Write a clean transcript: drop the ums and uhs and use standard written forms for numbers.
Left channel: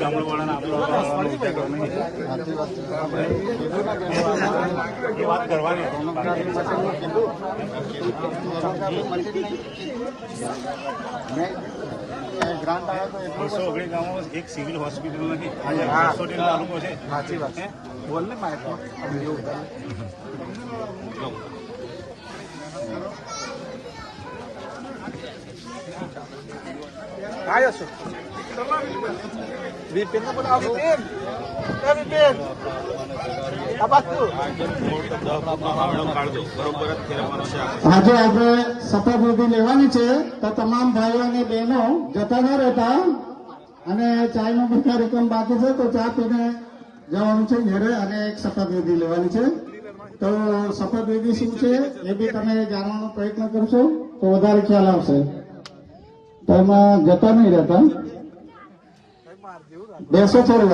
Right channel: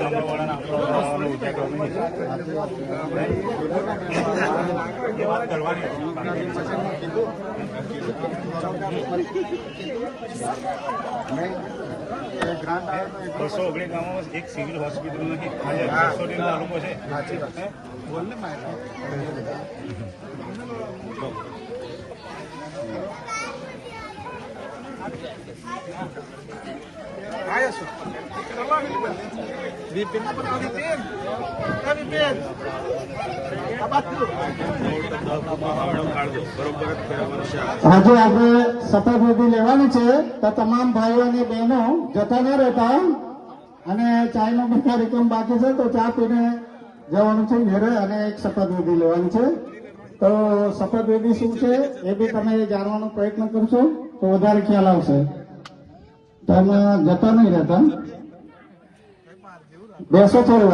ગામડાવાળાને આપણો ઉજાગર નહીં વાત કરવાની 219 ગામમાં એક સિવિલ હોસ્પિટલ નથી. આજે 800 તાલુકો છે. આજે આપણે શપથવિધિ લેવાની છે તો તમામ ભાઈઓ અને બહેનો જતા ન રહેતા અને ચાયનો બીજા રકમ બાકી છે તો ચા પીને જવાનું છે ઘરે અને એક શપથવિધિ લેવાની છે. તો શપથવિધિ શું છે એ બી તમે જાણવાનો પ્રયત્ન કરશો તો વધારે ખ્યાલ આવશે. તો એમાં જતા નહીં રહેતા, બેસો થોડી